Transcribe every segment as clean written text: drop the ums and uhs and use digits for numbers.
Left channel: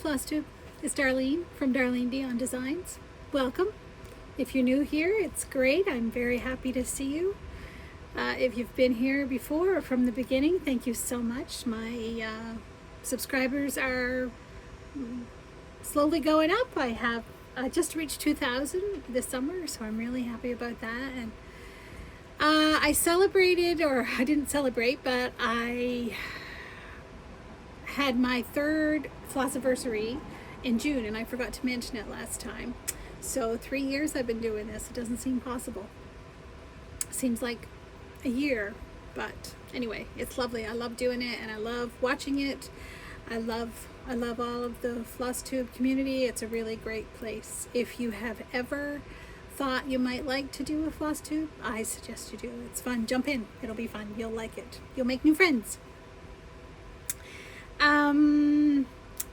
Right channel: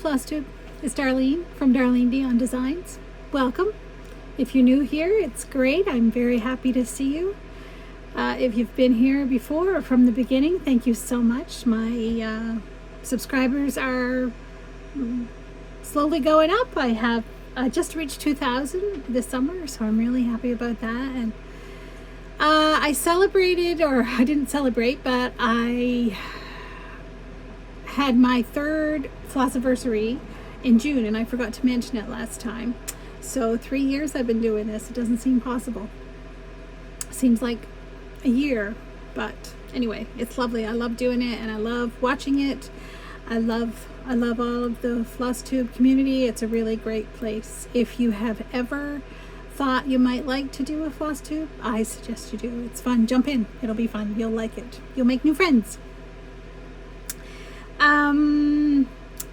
Flosstube. It's Darlene from Darlene Beyond Designs. Welcome. If you're new here, it's great. I'm very happy to see you. If you've been here before or from the beginning, thank you so much. My subscribers are slowly going up. I have just reached 2,000 this summer, so I'm really happy about that. And I celebrated, or I didn't celebrate, but I had my third Flossiversary in June, and I forgot to mention it last time. So 3 years I've been doing this. It doesn't seem possible. Seems like a year, but anyway, it's lovely. I love doing it, and I love watching it. I love all of the Flosstube community. It's a really great place. If you have ever thought you might like to do a Flosstube, I suggest you do. It's fun. Jump in. It'll be fun. You'll like it. You'll make new friends.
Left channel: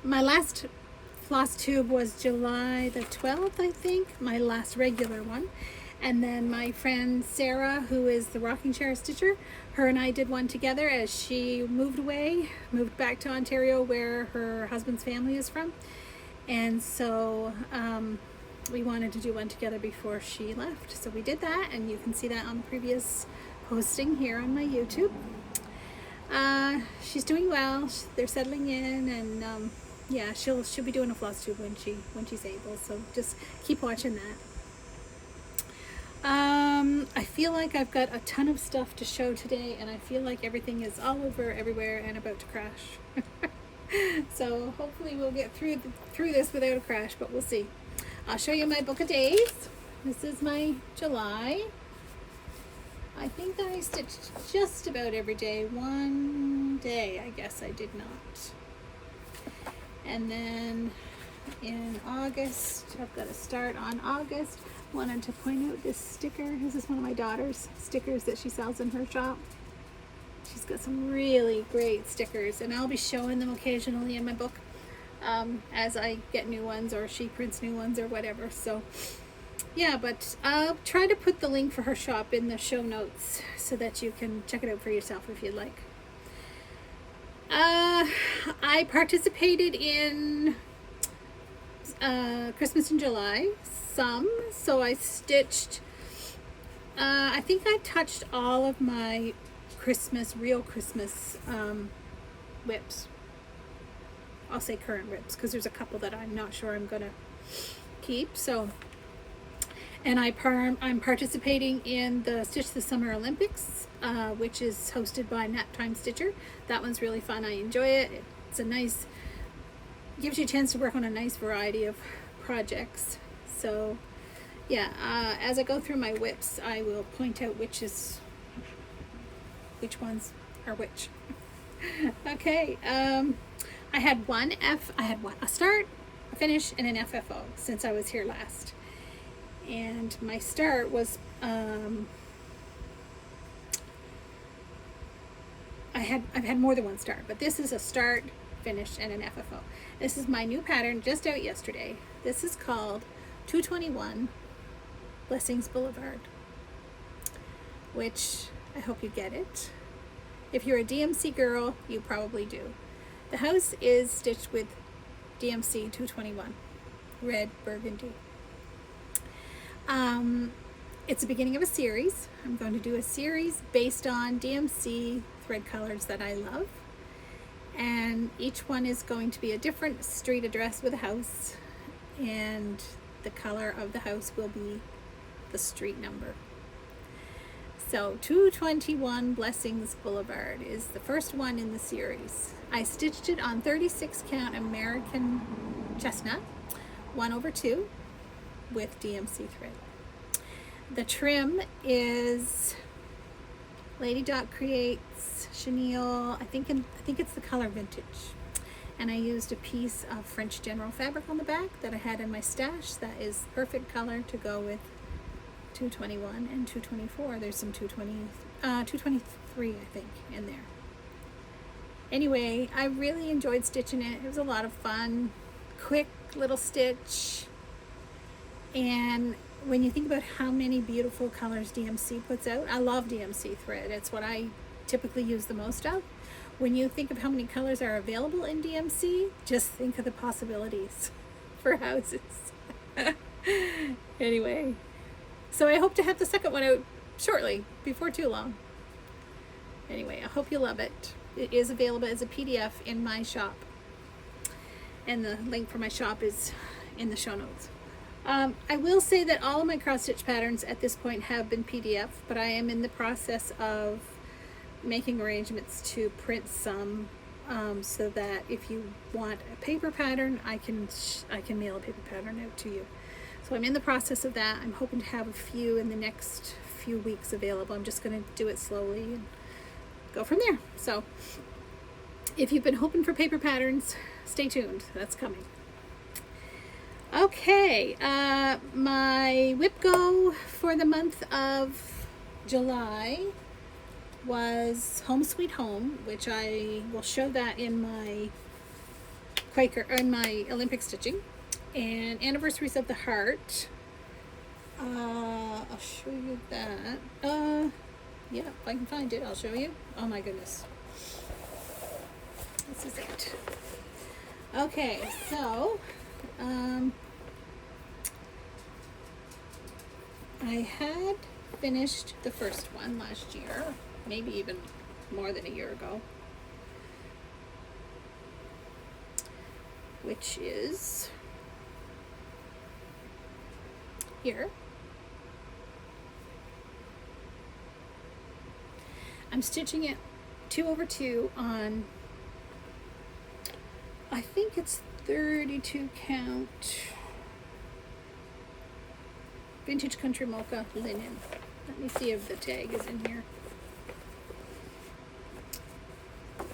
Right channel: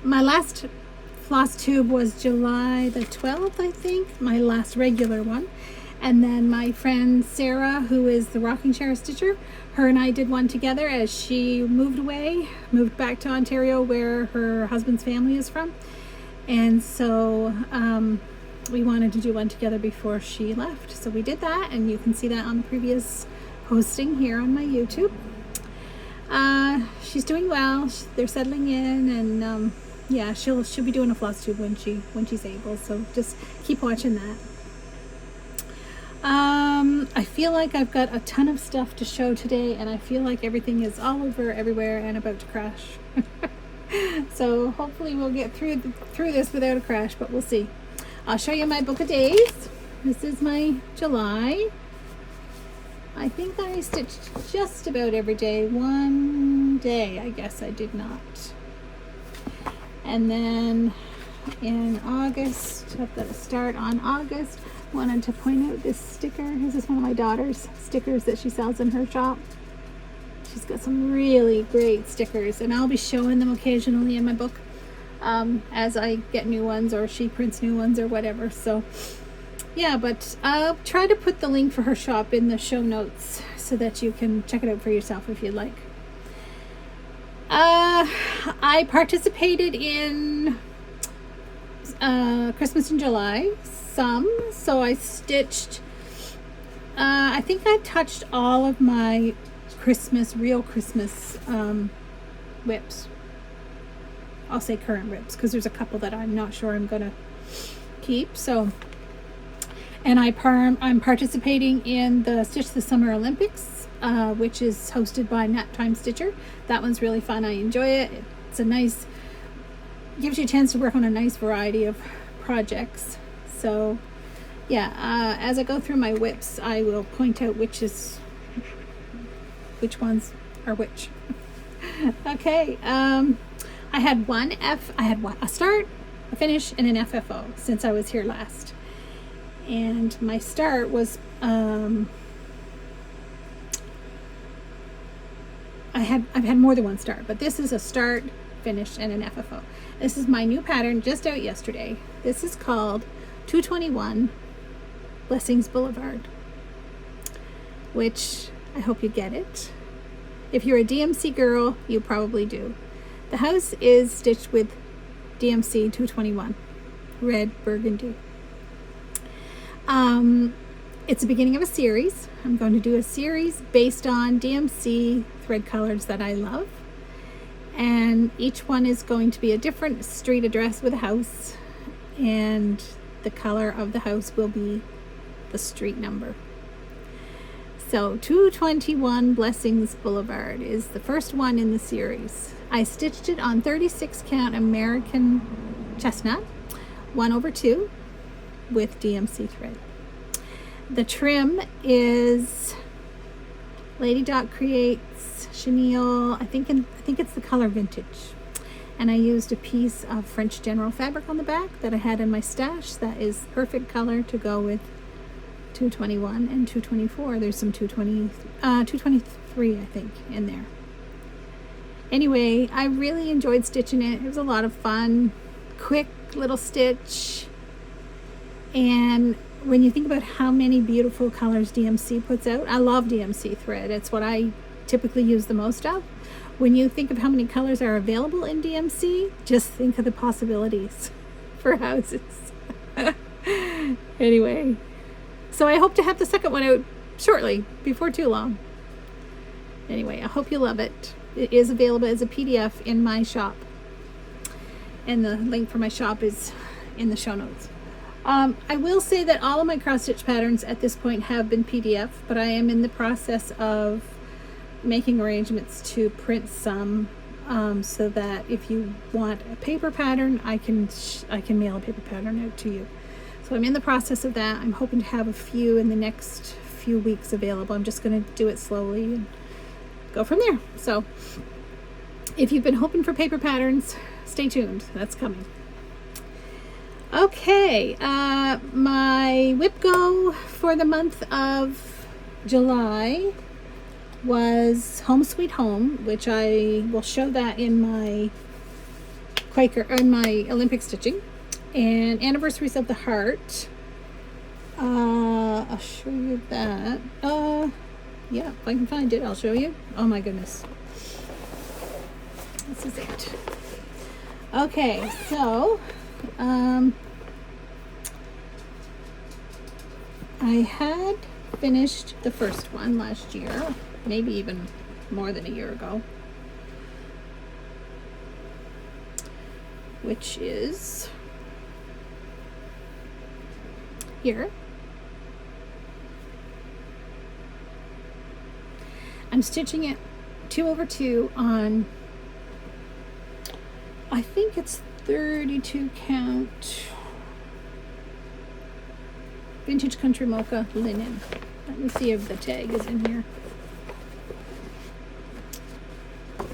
My last Flosstube was July the 12th, I think, my last regular one. And then my friend Sarah, who is the rocking chair stitcher, her and I did one together as she moved back to Ontario, where her husband's family is from. And so we wanted to do one together before she left. So we did that, and you can see that on the previous posting here on my YouTube. She's doing well. They're settling in, and yeah, she'll be doing a Flosstube when she's able. So just keep watching that. I feel like I've got a ton of stuff to show today, and I feel like everything is all over everywhere and about to crash. So hopefully we'll get through this without a crash, but we'll see. I'll show you my book of days. This is my July. I think I stitched just about every day. One day, I guess I did not. And then in August, I've got to start on August. Wanted to point out this sticker. This is one of my daughter's stickers that she sells in her shop. She's got some really great stickers, and I'll be showing them occasionally in my book as I get new ones, or she prints new ones or whatever. So yeah, but I'll try to put the link for her shop in the show notes so that you can check it out for yourself if you'd like. I participated in Christmas in July some, so I stitched, I think I touched all of my real Christmas whips. I'll say current whips, because there's a couple that I'm not sure I'm gonna keep. So, and I'm participating in the Stitch the Summer Olympics, which is hosted by Naptime Stitcher. That one's really fun. I enjoy it. It's a nice, gives you a chance to work on a nice variety of projects. So yeah, as I go through my whips, I will point out which ones are which. Okay, I had a start, a finish, and an FFO since I was here last. And my start was, I've had more than one start, but this is a start, finish, and an FFO. This is my new pattern, just out yesterday. This is called 221 Blessings Boulevard, which I hope you get it. If you're a DMC girl, you probably do. The house is stitched with DMC 221, red burgundy. It's the beginning of a series. I'm going to do a series based on DMC thread colors that I love. And each one is going to be a different street address with a house. And the color of the house will be the street number. So 221 Blessings Boulevard is the first one in the series. I stitched it on 36 count American chestnut, 1/2 with DMC thread. The trim is Lady Dot Creates chenille. I think it's the color Vintage. And I used a piece of French General fabric on the back that I had in my stash. That is perfect color to go with 221 and 224. There's some 223, I think, in there. Anyway, I really enjoyed stitching it. It was a lot of fun. Quick little stitch. And when you think about how many beautiful colors DMC puts out, I love DMC thread. It's what I typically use the most of. when you think of how many colors are available in DMC, just think of the possibilities for houses. Anyway, so I hope to have the second one out shortly, before too long. Anyway, I hope you love it. It is available as a PDF in my shop. And the link for my shop is in the show notes. I will say that all of my cross stitch patterns at this point have been PDF, but I am in the process of making arrangements to print some, so that if you want a paper pattern, I can mail a paper pattern out to you. So I'm in the process of that. I'm hoping to have a few in the next few weeks available. I'm just going to do it slowly and go from there. So if you've been hoping for paper patterns, stay tuned. That's coming. Okay, my whip go for the month of July was Home Sweet Home, which I will show that in my Olympic stitching, and Anniversaries of the Heart. I'll show you that. Yeah, if I can find it, I'll show you. Oh my goodness. This is it. Okay, so I had finished the first one last year, maybe even more than a year ago, which is here. I'm stitching it 2/2 on, I think it's 32 count Vintage Country Mocha linen. Let me see if the tag is in here.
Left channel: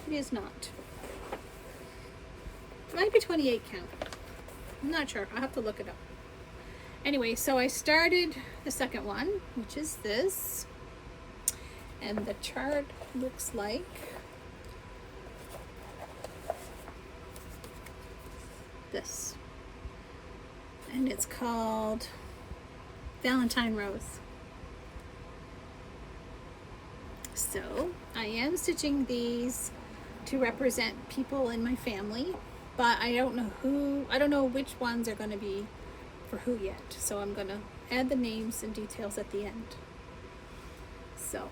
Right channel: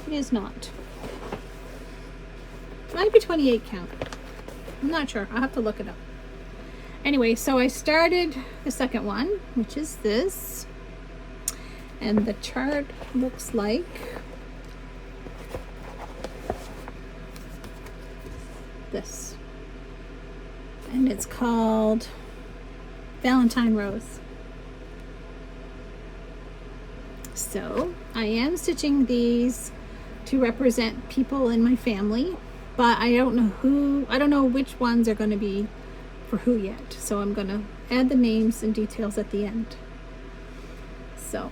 It is not. It might be 28 count. I'm not sure. I'll have to look it up. Anyway, so I started the second one, which is this. And the chart looks like this. And it's called Valentine Rose. So I am stitching these to represent people in my family, but I don't know which ones are going to be for who yet. So I'm going to add the names and details at the end. So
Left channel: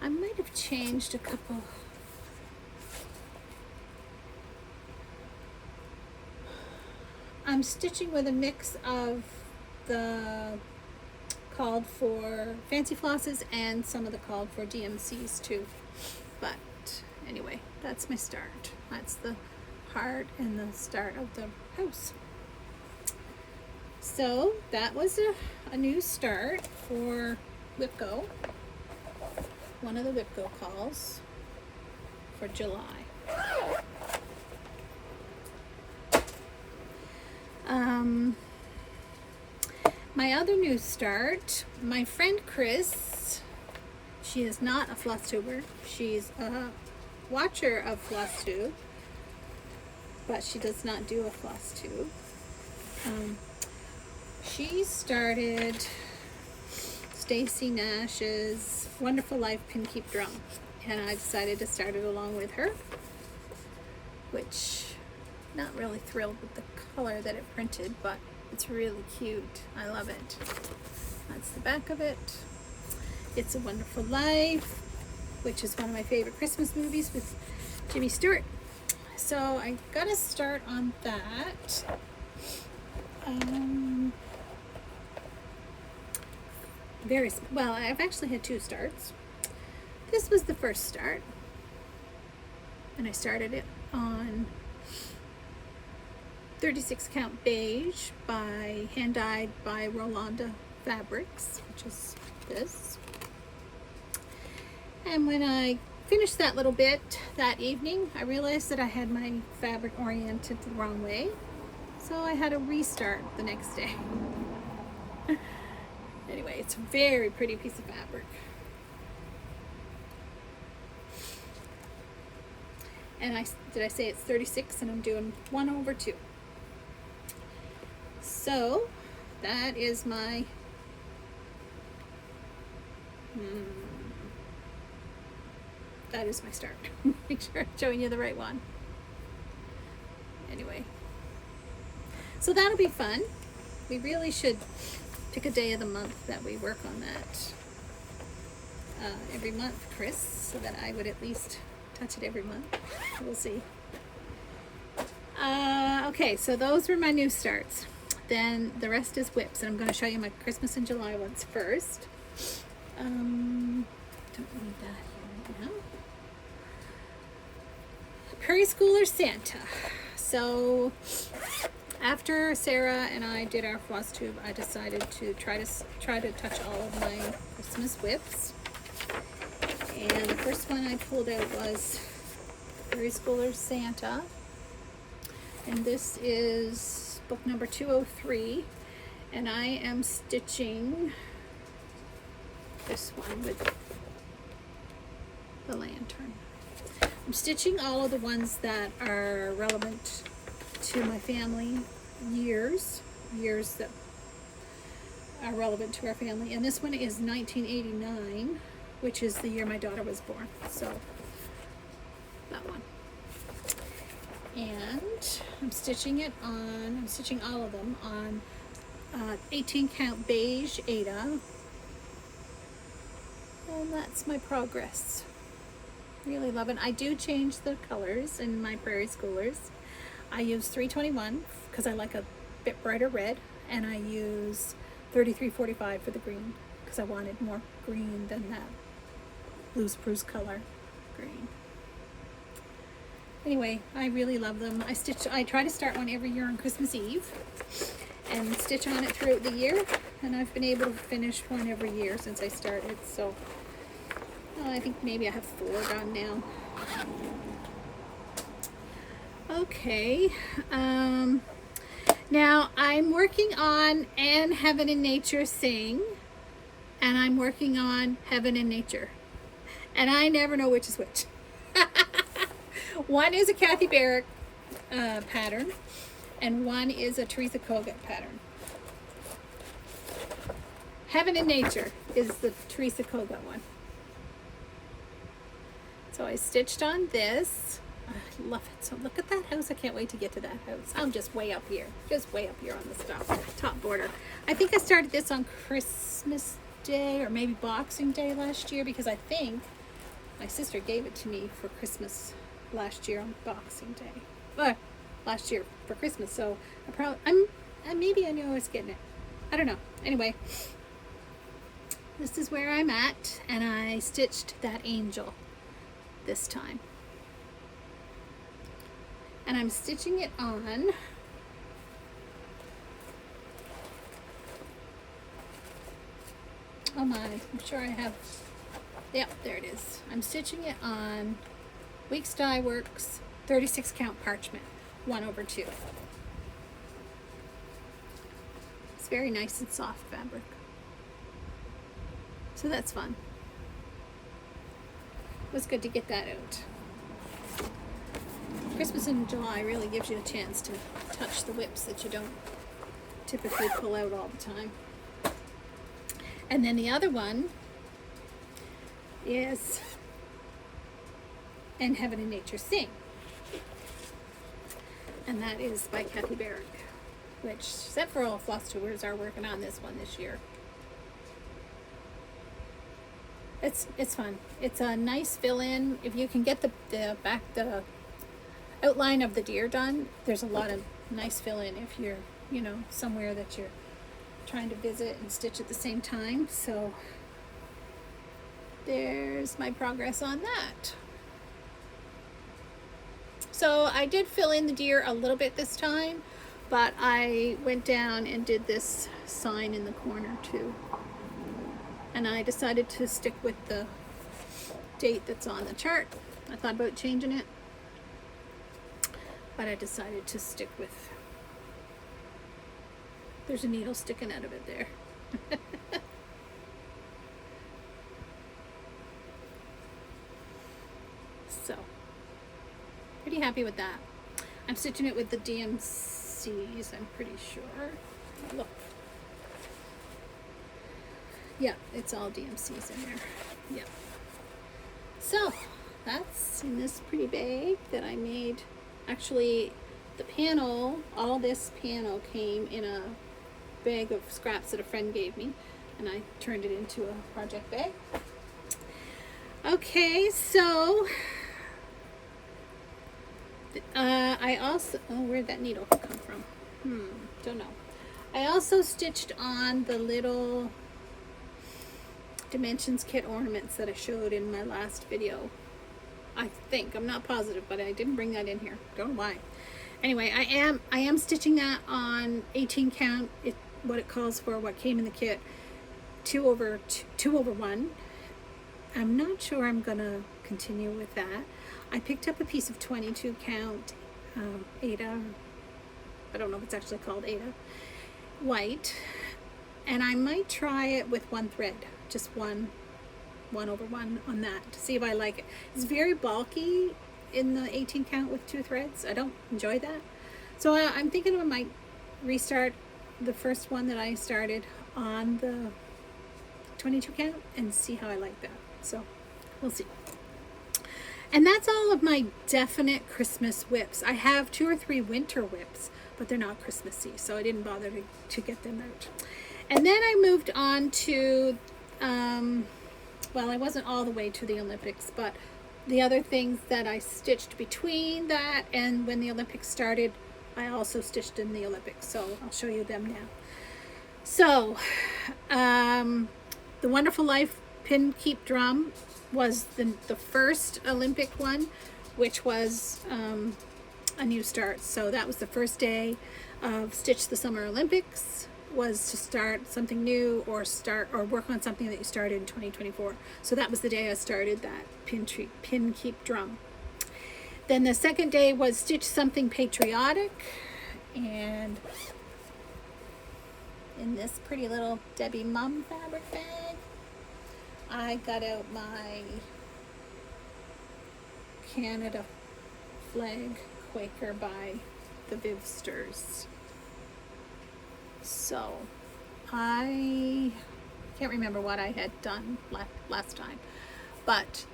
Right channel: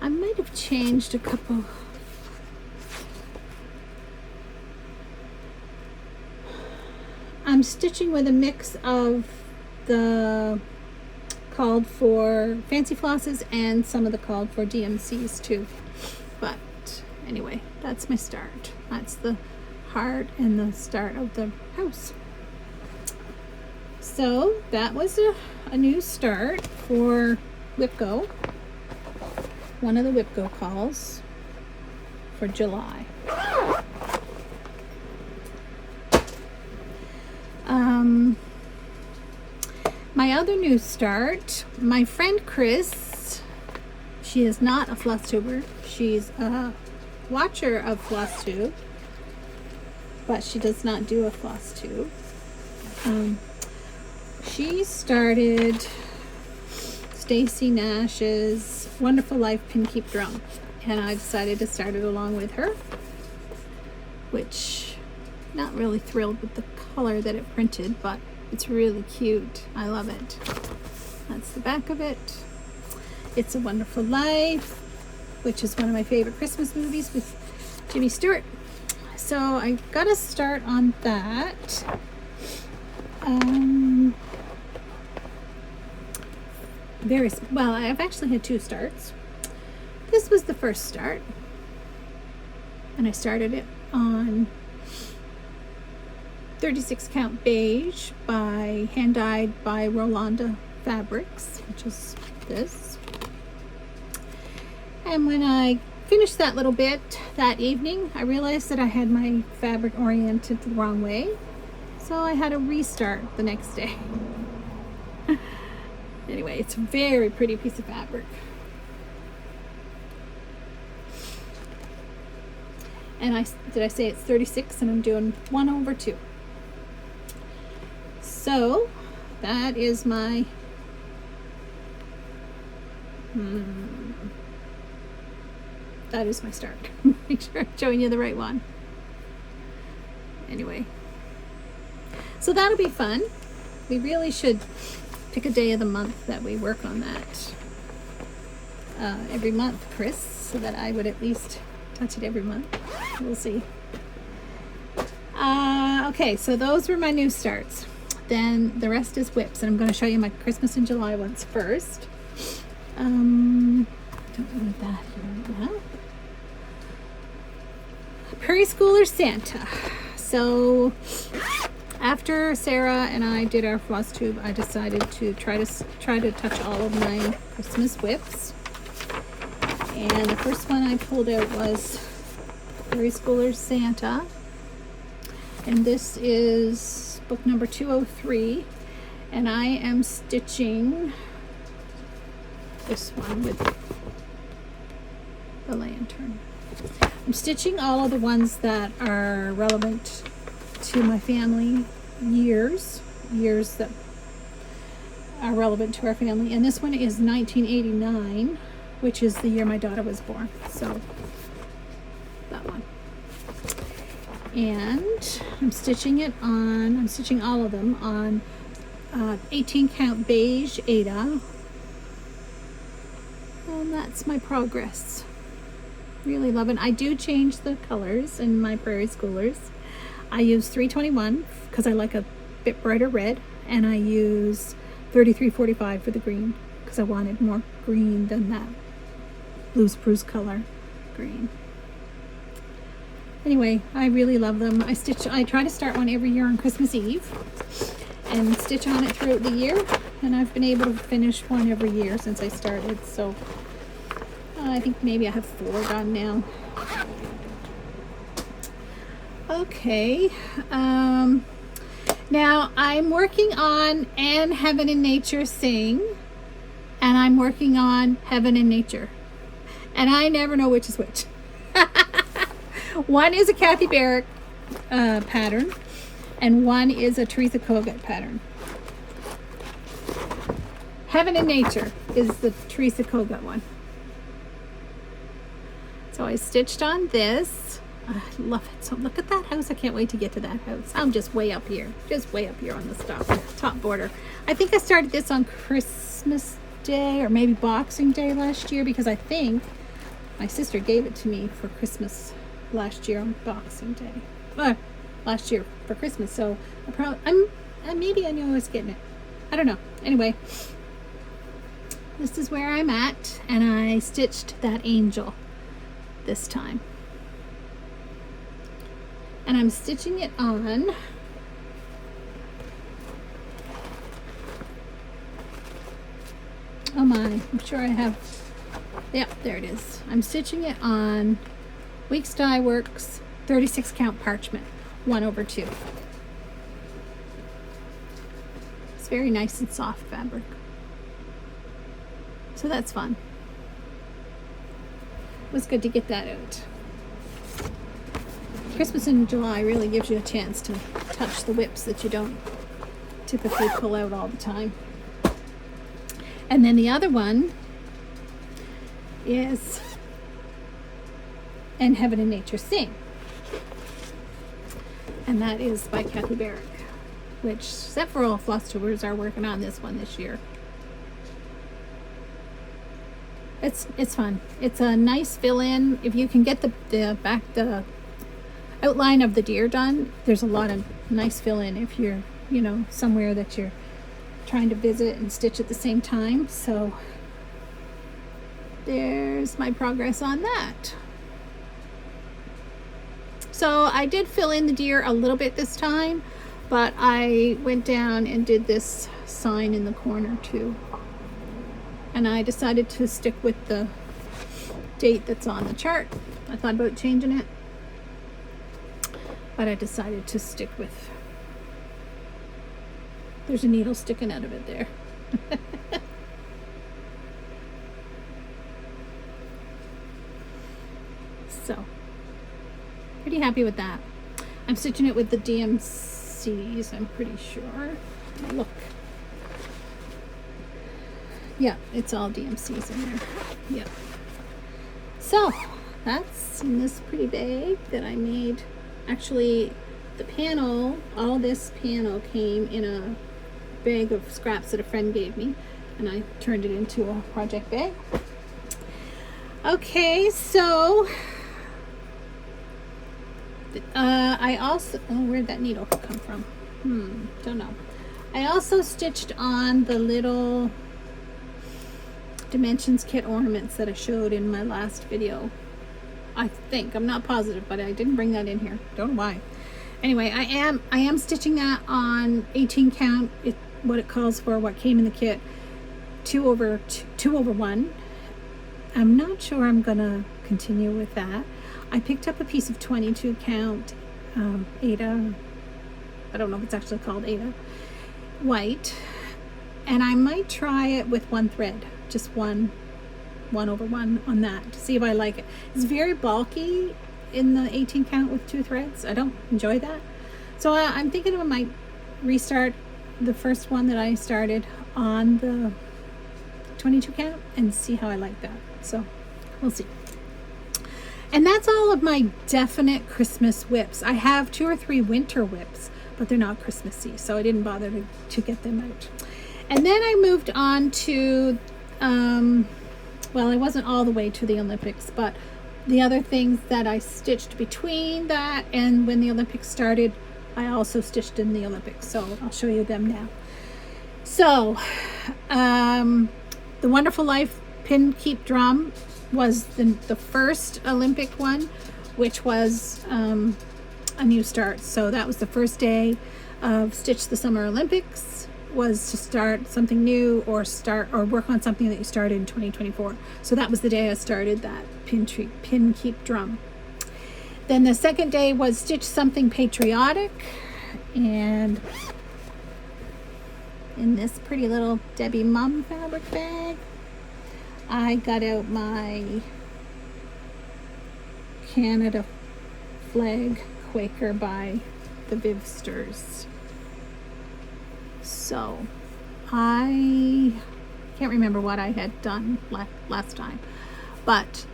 I might have changed a couple. I'm stitching with a mix of the called for fancy flosses and some of the called for DMCs too. But anyway, that's my start. That's the heart and the start of the house. So that was a new start for Whip Go. One of the Whip Go calls for July. My other new start, my friend Chris, she is not a Flosstuber. She's a watcher of Flosstube, but she does not do a Flosstube. She started Stacy Nash's Wonderful Life Pin Keep Drum, and I decided to start it along with her, which not really thrilled with the color that it printed, but it's really cute. I love it. That's the back of it. It's a Wonderful Life, which is one of my favorite Christmas movies with Jimmy Stewart. So I got to start on that. Well, I've actually had two starts. This was the first start, and I started it on 36 count beige by hand dyed by Rolanda Fabrics, which is this. And when I finished that little bit that evening, I realized that I had my fabric oriented the wrong way, so I had to restart the next day. Anyway, it's a very pretty piece of fabric. And did I say it's 36, and I'm doing 1/2. So that is my that is my start. Make sure I'm showing you the right one. Anyway, so that'll be fun. We really should pick a day of the month that we work on that every month, Chris, so that I would at least touch it every month. We'll see. Okay, so those were my new starts. Then the rest is whips, and I'm going to show you my Christmas in July ones first. Don't need that here right now. Prairie Schooler Santa. So after Sarah and I did our Flosstube, I decided to try to touch all of my Christmas whips. And the first one I pulled out was Prairie Schooler Santa. And this is book number 203. And I am stitching this one with the lantern. I'm stitching all of the ones that are relevant to my family years that are relevant to our family. And this one is 1989, which is the year my daughter was born. So that one. And I'm stitching all of them on 18 count beige Ada. And that's my progress. Really love it. I do change the colors in my Prairie Schoolers. I use 321 because I like a bit brighter red, and I use 3345 for the green because I wanted more green than that blue spruce color green. Anyway, I really love them. I try to start one every year on Christmas Eve and stitch on it throughout the year, and I've been able to finish one every year since I started. So I think maybe I have 4 done now. Okay. Now I'm working on And Heaven and Nature Sing, and I'm working on Heaven and Nature, and I never know which is which. One is a Kathy Barrick pattern, and one is a Teresa Kogut pattern. Heaven and Nature is the Teresa Kogut one. So I stitched on this. I love it. So look at that house. I can't wait to get to that house. I'm just way up here. Just way up here on the top border. I think I started this on Christmas Day or maybe Boxing Day last year, because I think my sister gave it to me for Christmas last year on Boxing Day. Last year for Christmas. So maybe I knew I was getting it. I don't know. Anyway, this is where I'm at, and I stitched that angel this time, and I'm stitching it on oh my, I'm sure I have, yeah, there it is. I'm stitching it on Weeks Dye Works 36 count parchment 1/2. It's very nice and soft fabric, so that's fun. It was good to get that out. Christmas in July really gives you a chance to touch the whips that you don't typically pull out all the time. And then the other one is And Heaven and Nature Sing, and that is by Kathy Barrick, which several Flosstubers are working on this one this year. It's fun. It's a nice fill-in. If you can get the outline of the deer done, there's a lot of nice fill-in if you're, somewhere that you're trying to visit and stitch at the same time. So there's my progress on that. So I did fill in the deer a little bit this time, but I went down and did this sign in the corner too. And I decided to stick with the date that's on the chart. I thought about changing it, but I decided to stick with, there's a needle sticking out of it there. So, pretty happy with that. I'm stitching it with the DMCs, I'm pretty sure. Look. Yeah, it's all DMCs in there. Yeah. So, that's in this pretty bag that I made. Actually, the panel, all this panel came in a bag of scraps that a friend gave me, and I turned it into a project bag. Okay, so I also, where'd that needle come from? Don't know. I also stitched on the little Dimensions Kit Ornaments that I showed in my last video. I think, I'm not positive, but I didn't bring that in here. Don't know why. Anyway, I am stitching that on 18 count. What it calls for, what came in the kit, 2 over 1. I'm not sure I'm gonna continue with that. I picked up a piece of 22 count Ada. I don't know if it's actually called Ada white, and I might try it with one thread, just 1 over 1 on that, to see if I like it. It's very bulky in the 18 count with 2 threads. I don't enjoy that, so I'm thinking I might restart the first one that I started on the 22 count and see how I like that. So we'll see. And that's all of my definite Christmas whips. I have 2 or 3 winter whips, but they're not Christmassy, so I didn't bother to get them out. And then I moved on to well, I wasn't all the way to the Olympics, but the other things that I stitched between that and when the Olympics started, I also stitched in the Olympics, so I'll show you them now. So the Wonderful Life Pin Keep Drum was the first Olympic one, which was a new start. So that was the first day of Stitch the Summer Olympics, was to start something new or work on something that you started in 2024. So that was the day I started that Pin Keep Drum. Then the second day was Stitch Something Patriotic, and in this pretty little Debbie Mum fabric bag, I got out my Canada flag Quaker by the Vivsters. So I can't remember what I had done last time, but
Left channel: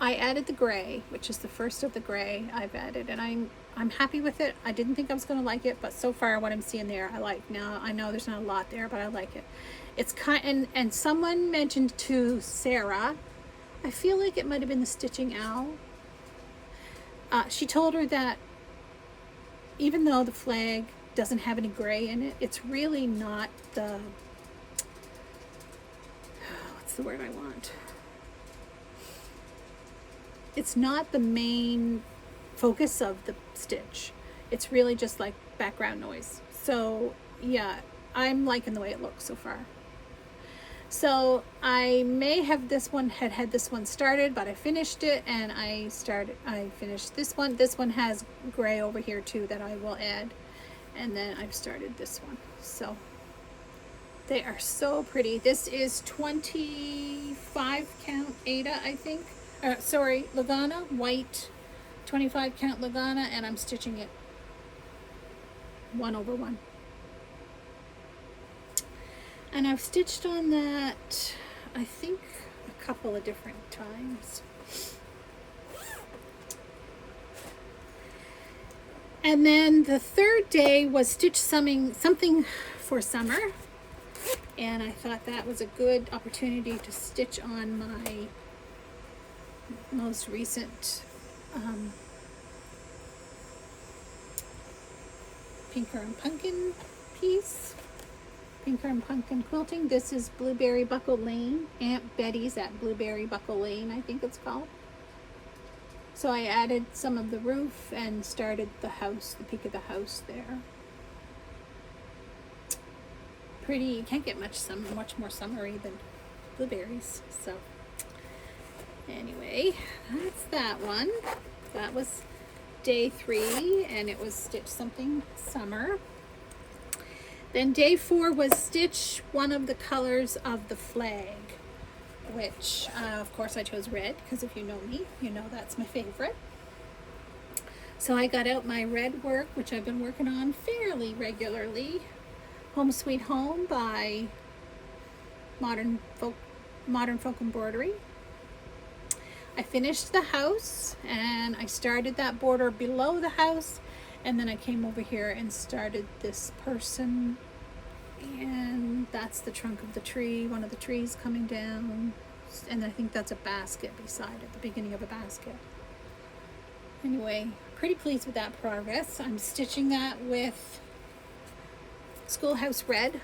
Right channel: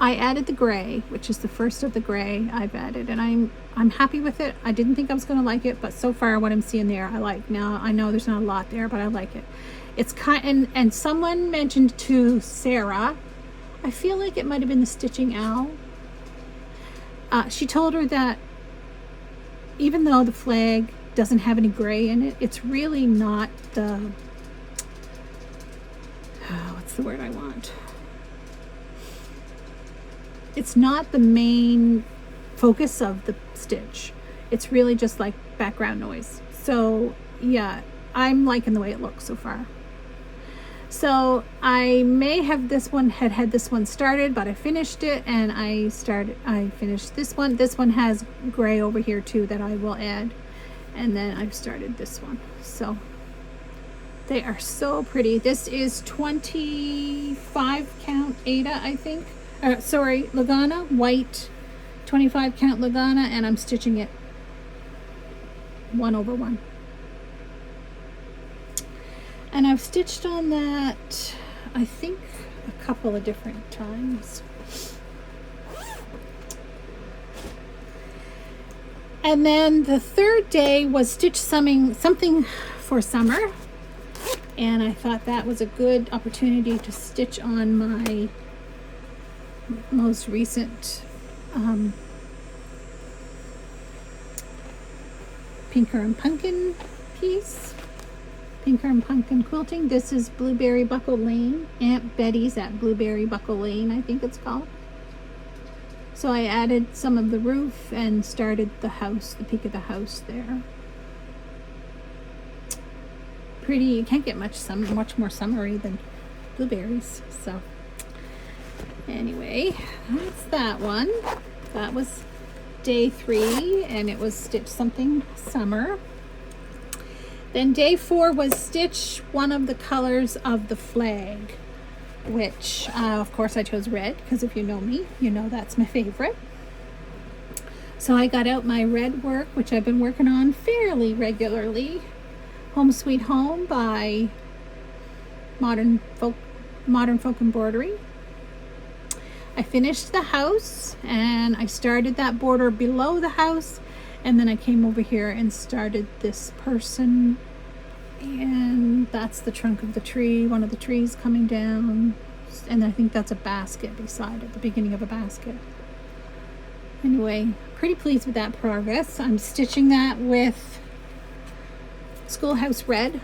I added the gray, which is the first of the gray I've added, and I'm happy with it. I didn't think I was going to like it, but so far what I'm seeing there, I like. Now I know there's not a lot there, but I like it. It's kind, and someone mentioned to Sarah, I feel like it might have been the Stitching Owl. She told her that even though the flag doesn't have any gray in it, it's really not the, what's the word I want? It's not the main focus of the stitch. It's really just like background noise. So yeah, I'm liking the way it looks so far. So I may have had this one started, but I finished it, and I finished this one. This one has gray over here too that I will add, and then I've started this one. So they are so pretty. This is 25 count Ada, I think. Lagana, white, 25 count Lagana, and I'm stitching it 1 over 1. And I've stitched on that, I think, a couple of different times. And then the third day was Stitch something for summer. And I thought that was a good opportunity to stitch on my most recent Pinkernpunkin piece. Pinkernpunkin quilting. This is Blueberry Buckle Lane. Aunt Betty's at Blueberry Buckle Lane, I think it's called. So I added some of the roof and started the house, the peak of the house there. Pretty. You can't get much more summery than blueberries. So anyway, that's that one. That was day 3, and it was Stitch Something Summer. Then day 4 was Stitch one of the colors of the flag, which of course I chose red, because if you know me, you know that's my favorite. So I got out my red work, which I've been working on fairly regularly. Home Sweet Home by Modern Folk Embroidery. I finished the house and I started that border below the house, and then I came over here and started this person, and that's the trunk of the tree, one of the trees coming down, and I think that's a basket beside it, the beginning of a basket. Anyway, pretty pleased with that progress. I'm stitching that with Schoolhouse Red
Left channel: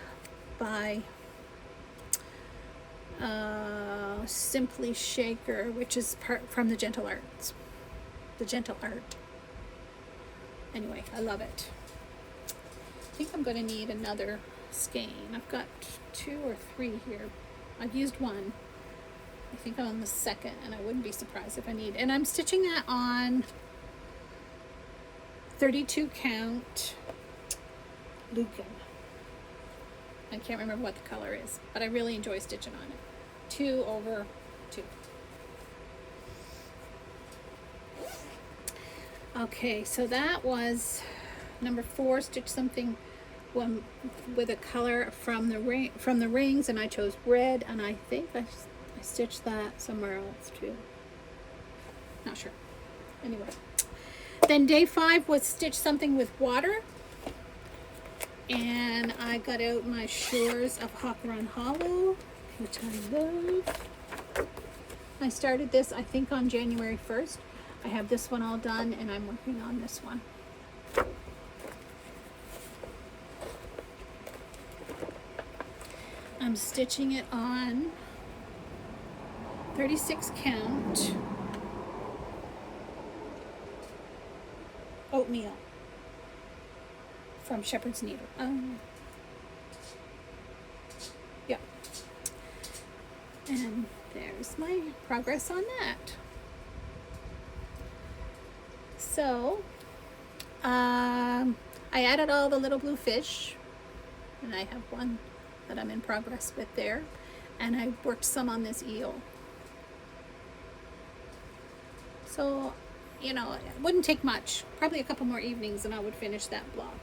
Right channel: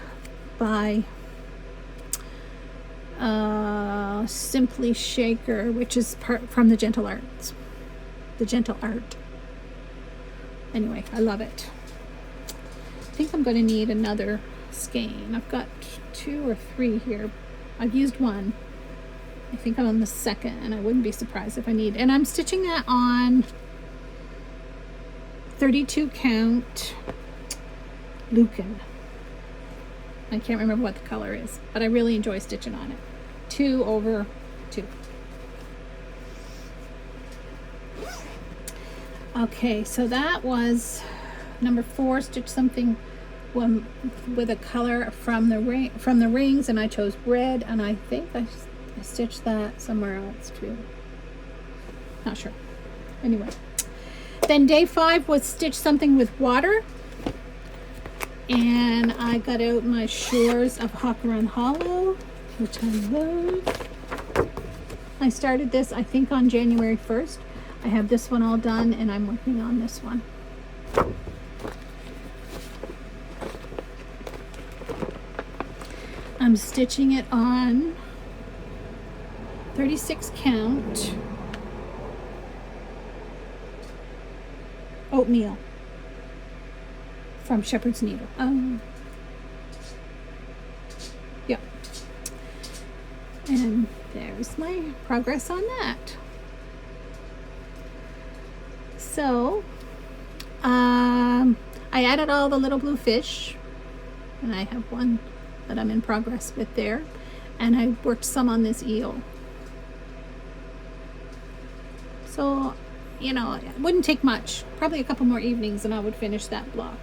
by Simply Shaker, which is part from the Gentle Arts. The Gentle Art. Anyway, I love it. I think I'm going to need another skein. I've got 2 or 3 here. I've used one. I think I'm on the second, and I wouldn't be surprised if I need. And I'm stitching that on 32 count Lucan. I can't remember what the color is, but I really enjoy stitching on it. 2/2. Okay, so that was number 4. Stitch something with a color from the rings, and I chose red, and I think I stitched that somewhere else too. Not sure. Anyway, then day 5 was stitch something with water. And I got out my Shores of Hawkeron Hollow, which I love. I started this, I think, on January 1st. I have this one all done, and I'm working on this one. I'm stitching it on 36 count oatmeal from Shepherd's Needle. Yep. And there's my progress on that. So, I added all the little blue fish, and I have one that I'm in progress with there, and I worked some on this eel. So, you know, it wouldn't take much, probably a couple more evenings, and I would finish that block.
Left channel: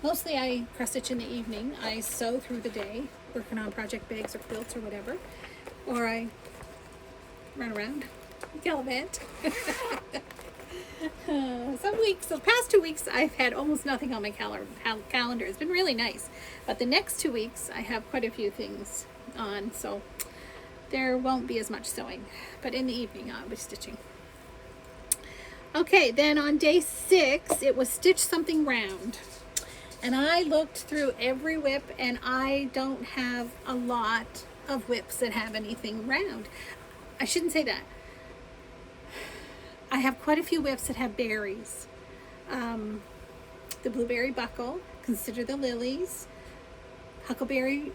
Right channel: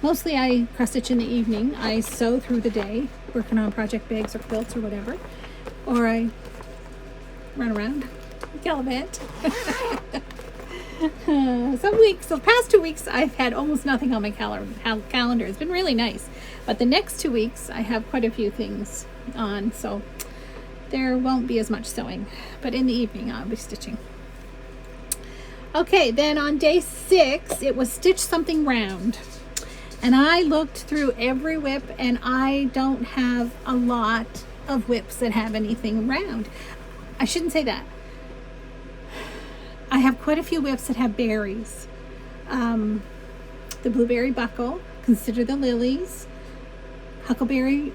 Mostly I cross stitch in the evening. I sew through the day, working on project bags or quilts or whatever, or I run around, gallivant. Some weeks, the past 2 weeks, I've had almost nothing on my calendar. It's been really nice. But the next 2 weeks, I have quite a few things on, so there won't be as much sewing. But in the evening, I'll be stitching. Okay, then on day 6, it was stitch something round. And I looked through every whip, and I don't have a lot of whips that have anything round. I shouldn't say that. I have quite a few whips that have berries. The blueberry buckle, Consider the Lilies, Huckleberry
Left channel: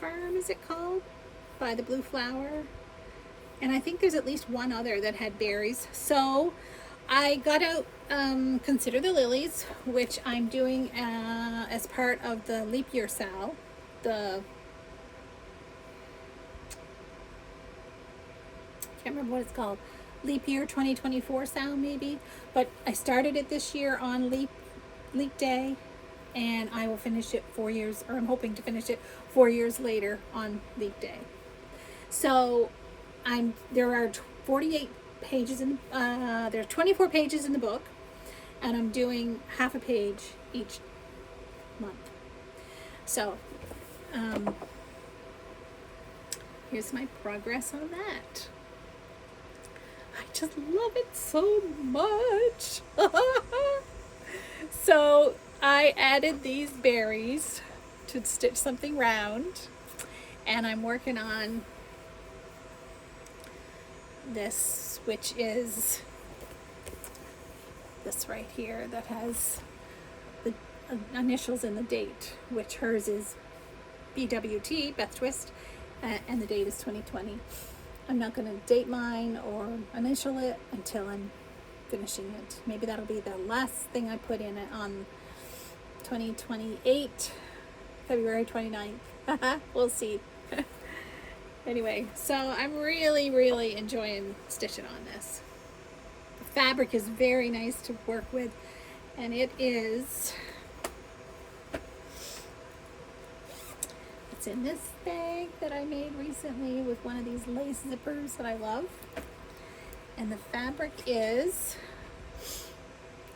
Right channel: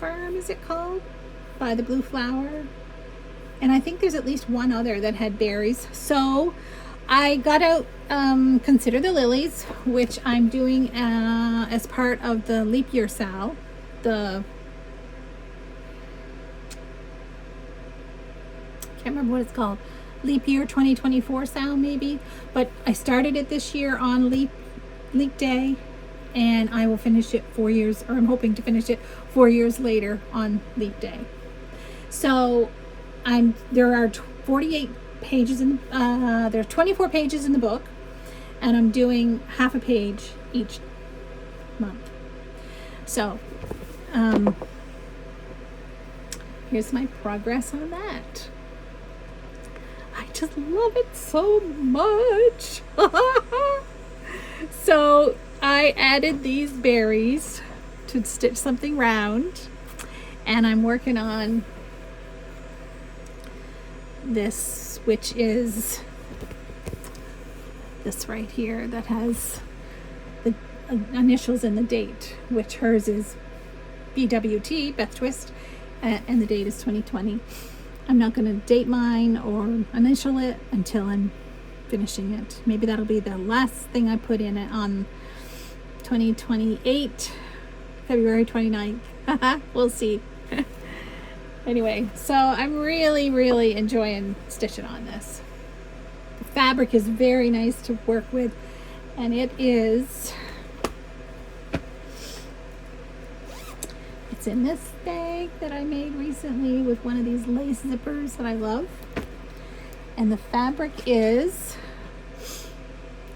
Farm, is it called? By the Blue Flower. And I think there's at least one other that had berries. So I got out Consider the Lilies, which I'm doing as part of the leap year sale. Can't remember what it's called. Leap year 2024 sale maybe. But I started it this year on leap day, and I will finish it 4 years, or I'm hoping to finish it 4 years later on leap day. So there are 48 pages in there are 24 pages in the book, and I'm doing half a page each month. So here's my progress on that. I just love it so much. So I added these berries to stitch something round, and I'm working on this, which is this right here that has the initials and the date, which hers is BWT, Beth Twist, and the date is 2020. I'm not going to date mine or initial it until I'm finishing it. Maybe that'll be the last thing I put in it on 2028, February 29th. We'll see. Anyway, so I'm really, really enjoying stitching on this. The fabric is very nice to work with, and it's It's in this bag that I made recently with one of these lace zippers that I love. And the fabric is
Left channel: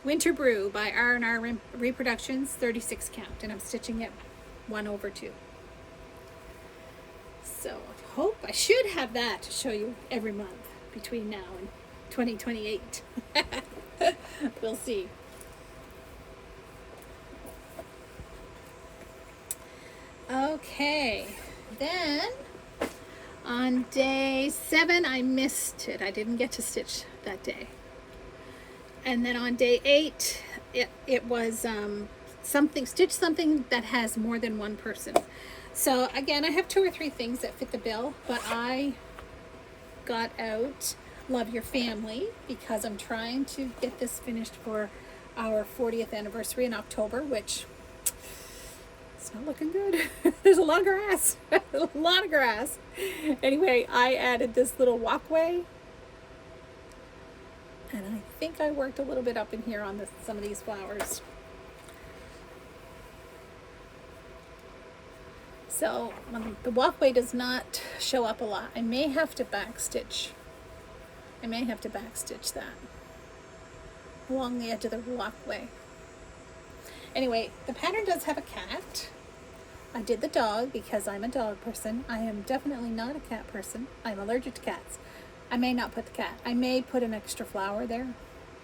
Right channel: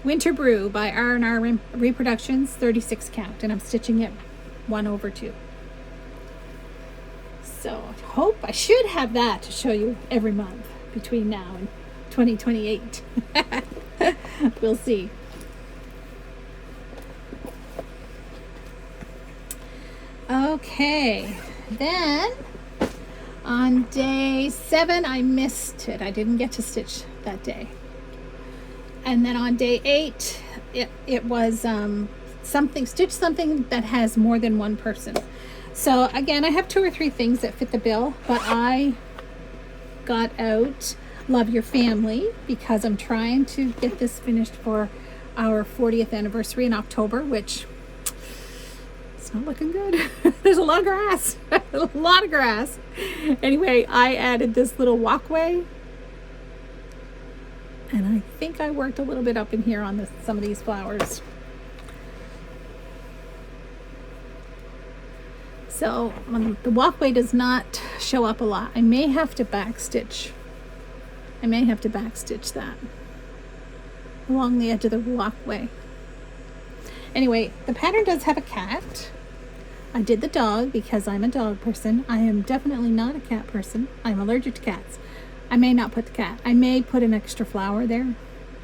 Winter Brew by R&R Reproductions, 36 count, and I'm stitching it 1/2. So I should have that to show you every month between now and 2028. We'll see. Okay, then on day 7 I missed it. I didn't get to stitch that day. And then on day 8 it was stitch something that has more than one person. So again, I have 2 or 3 things that fit the bill, but I got out Love Your Family because I'm trying to get this finished for our 40th anniversary in October, which it's not looking good. There's a lot of grass. A lot of grass. Anyway, I added this little walkway. And I think I worked a little bit up in here on some of these flowers. So the walkway does not show up a lot. I may have to backstitch. That along the edge of the walkway. Anyway, the pattern does have a cat. I did the dog because I'm a dog person. I am definitely not a cat person. I'm allergic to cats. I may not put the cat. I may put an extra flower there.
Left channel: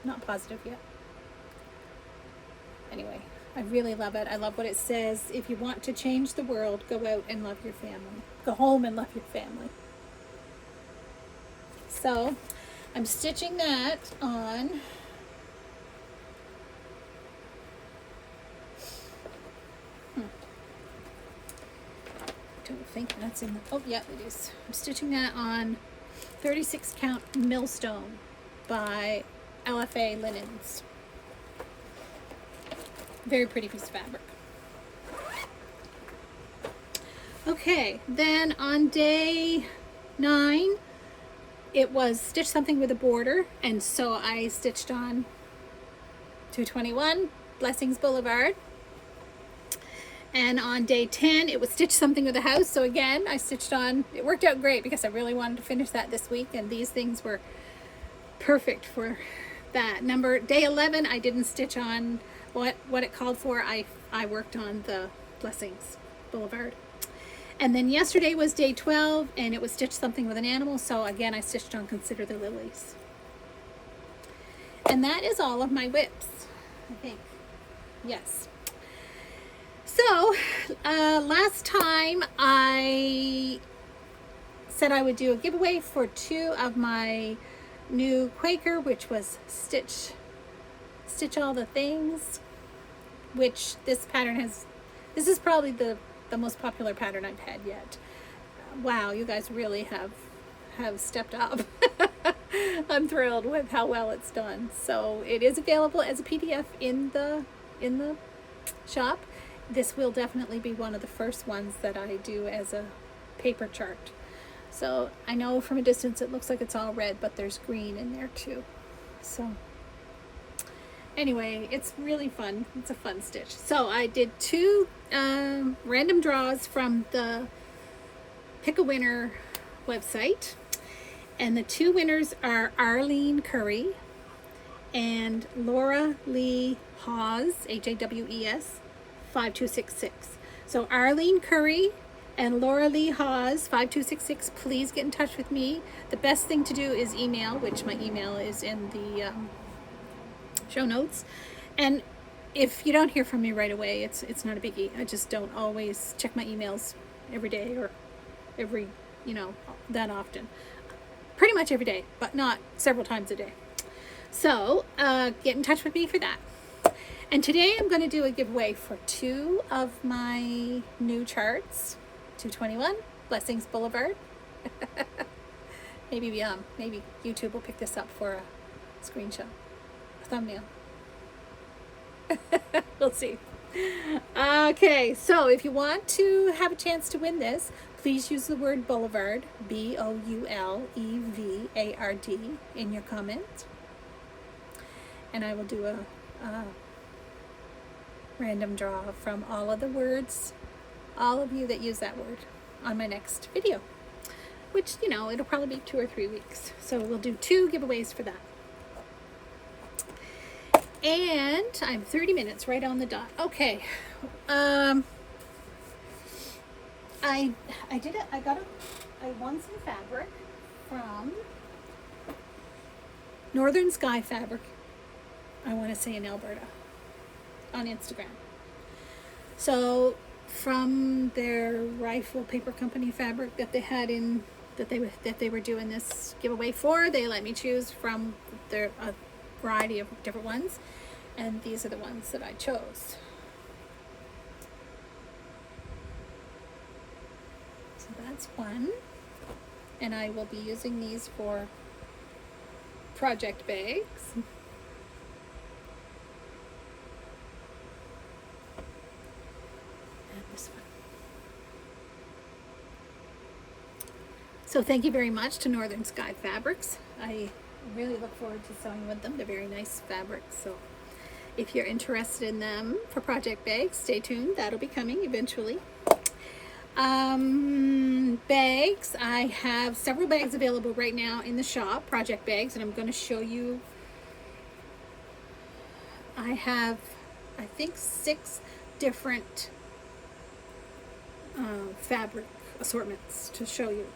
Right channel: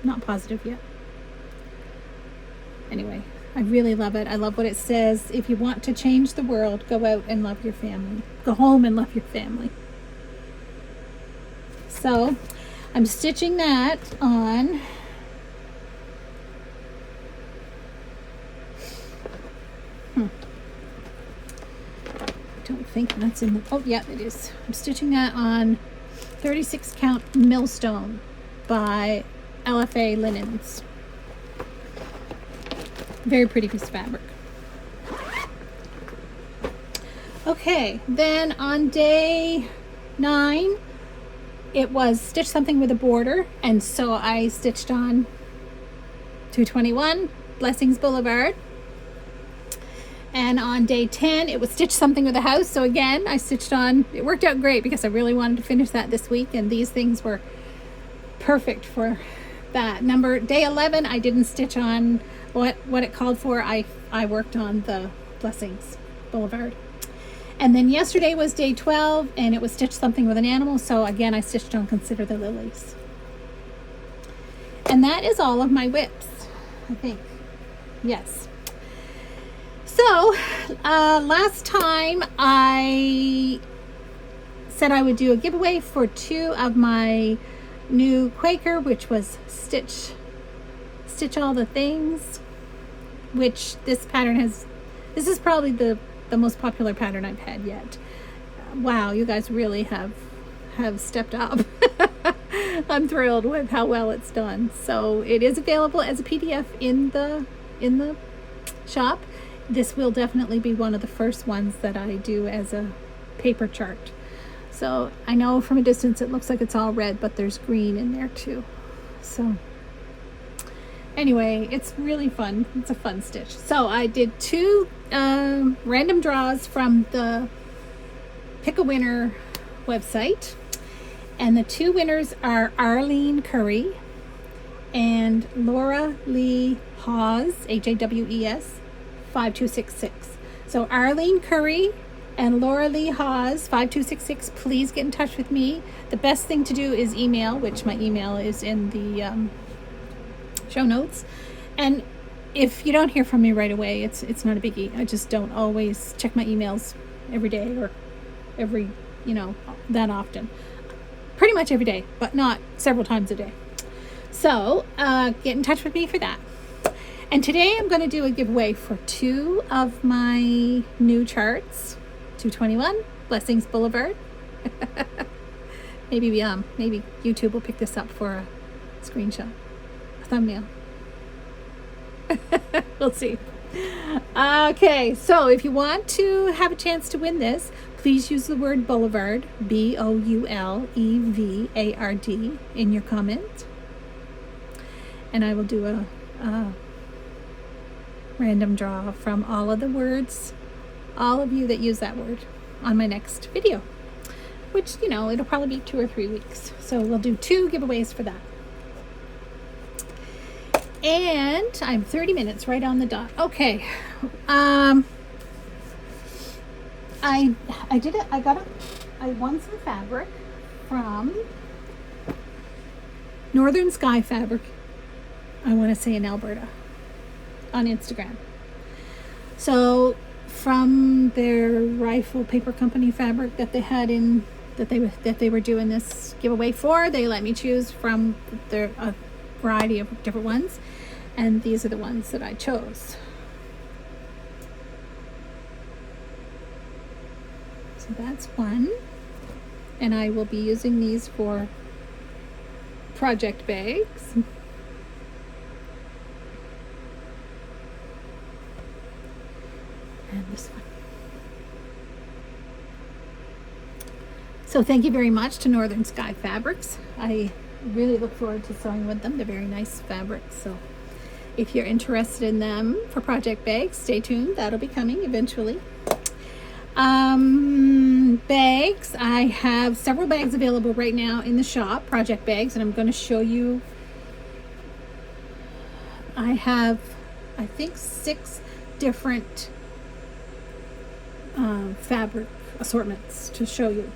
Not positive yet. Anyway, I really love it. I love what it says. If you want to change the world, go out and love your family. Go home and love your family. So, I'm stitching that on I don't think that's in the, oh yeah, it is. I'm stitching that on 36 count Millstone by LFA Linens. Very pretty piece of fabric. Okay, then on day 9 it was stitch something with a border, and so I stitched on 221 Blessings Boulevard. And on day 10, it was stitch something with a house. So again, I stitched on, it worked out great because I really wanted to finish that this week, and these things were perfect for that. Day 11, I didn't stitch on what it called for. I worked on the Blessings Boulevard. And then yesterday was day 12, and it was stitch something with an animal. So again, I stitched on Consider the Lilies. And that is all of my whips, I think. Yes. So, last time I said I would do a giveaway for 2 of my new Quaker, which was Stitch All the Things, which this pattern this is probably the most popular pattern I've had yet. Wow, you guys really have stepped up. I'm thrilled with how well it's done. So it is available as a PDF in the shop. This will definitely be one of the first ones that I do as a paper chart. So I know from a distance it looks like it's all red, but there's green in there too. So anyway, it's really fun. It's a fun stitch. So I did 2 random draws from the Pick a Winner website. And the 2 winners are Arlene Curry and Laura Lee Hawes, Hawes, 5266. So Arlene Curry and Laura Lee Hawes, 5266, please get in touch with me. The best thing to do is email, which my email is in the show notes. And if you don't hear from me right away, it's not a biggie. I just don't always check my emails every day or every, that often. Pretty much every day, but not several times a day. So get in touch with me for that. And today I'm going to do a giveaway for 2 of my new charts. 221 Blessings Boulevard. Maybe YouTube will pick this up for a screenshot, a thumbnail. We'll see. Okay, so if you want to have a chance to win this, please use the word Boulevard, Boulevard, in your comments. And I will do a random draw from all of the words all of you that use that word on my next video, which, you know, it'll probably be 2 or 3 weeks. So we'll do 2 giveaways for that. And I'm 30 minutes right on the dot. Okay. I won some fabric from Northern Sky Fabric, I want to say in Alberta, on Instagram. So from their Rifle Paper Company fabric that they had in, that they were doing this giveaway for, they let me choose from their a variety of different ones, and these are the ones that I chose. So that's one, and I will be using these for project bags. And this one. So thank you very much to Northern Sky Fabrics. I really look forward to sewing with them. They're very nice fabrics. So if you're interested in them for project bags, stay tuned. That'll be coming eventually. Bags. I have several bags available right now in the shop, project bags, and I'm going to show you. I have, I think, 6 different fabric assortments to show you.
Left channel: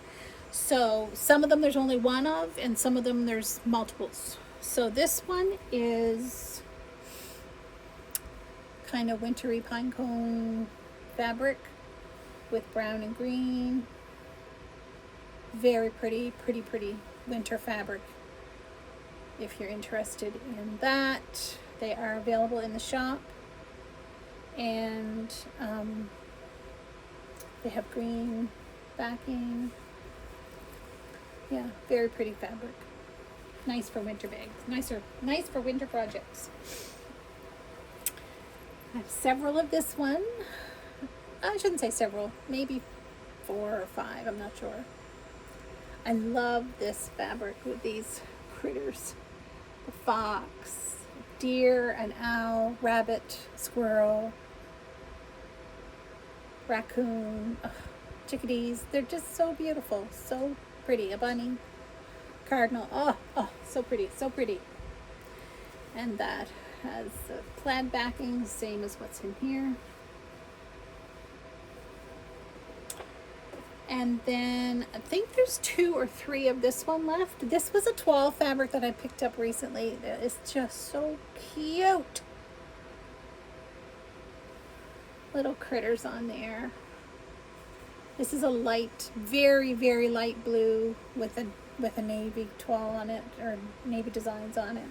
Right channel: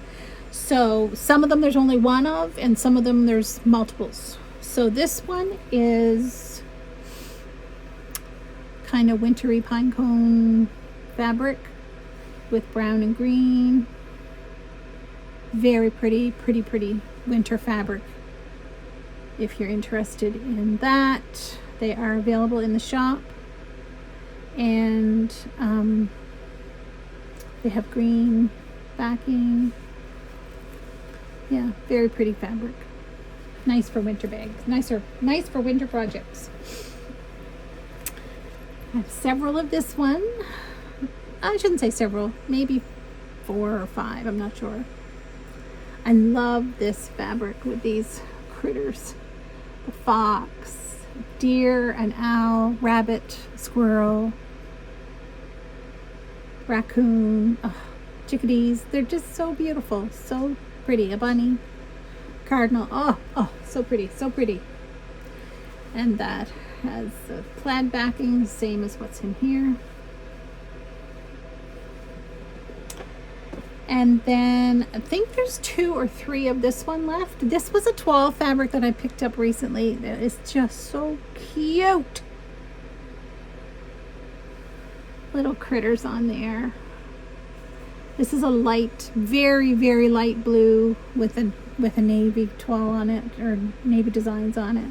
So some of them there's only one of, and some of them there's multiples. So this one is kind of wintry pine cone fabric with brown and green. Very pretty winter fabric. If you're interested in that, they are available in the shop. And they have green backing. Yeah, very pretty fabric. Nice for winter bags. Nice for winter projects. I have several of this one. I shouldn't say several, maybe 4 or 5, I'm not sure. I love this fabric with these critters. The fox, deer, an owl, rabbit, squirrel, raccoon, chickadees. They're just so beautiful, so pretty. A bunny, cardinal. Oh, so pretty, so pretty. And that has the plaid backing, same as what's in here. And then I think there's 2 or 3 of this one left. This was a 12 fabric that I picked up recently. That is just so cute. Little critters on there. This is a light, very light blue with a navy toile on it, or navy designs on it.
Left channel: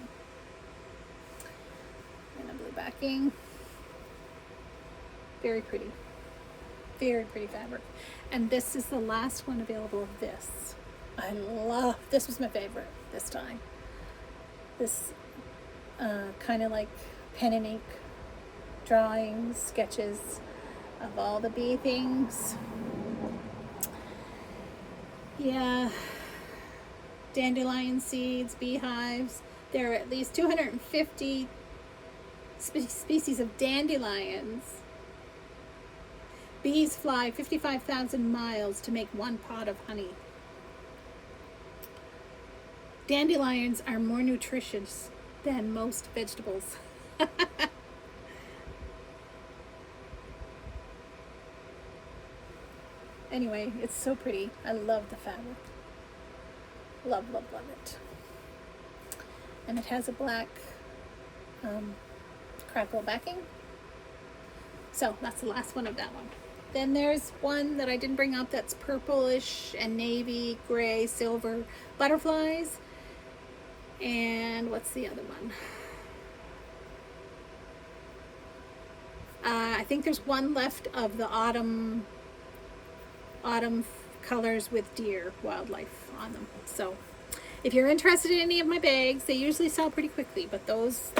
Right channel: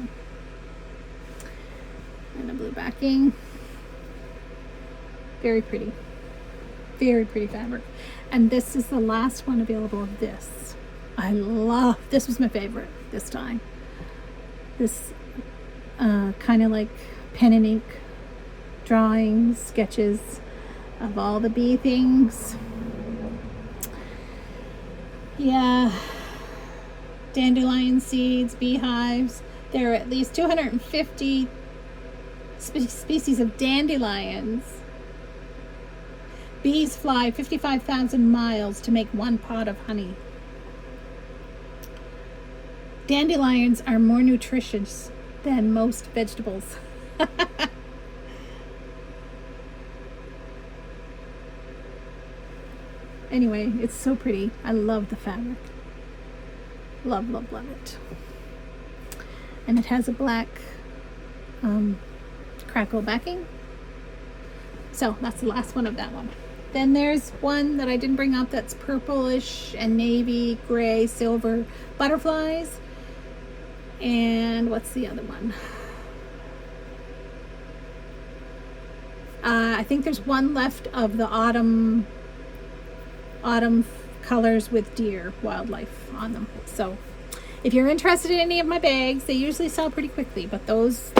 And a blue backing. Very pretty. Very pretty fabric. And this is the last one available of this. I love, this was my favorite this time. This kind of like pen and ink drawings, sketches of all the bee things. Yeah, dandelion seeds, beehives. There are at least 250 species of dandelions. Bees fly 55,000 miles to make 1 pot of honey. Dandelions are more nutritious than most vegetables. Anyway, it's so pretty. I love the fabric. Love it. And it has a black crackle backing. So that's the last one of that one. Then there's one that I didn't bring up that's purplish and navy, gray, silver butterflies. And what's the other one? I think there's one left of the autumn colors with deer wildlife on them. So if you're interested in any of my bags, they usually sell pretty quickly, but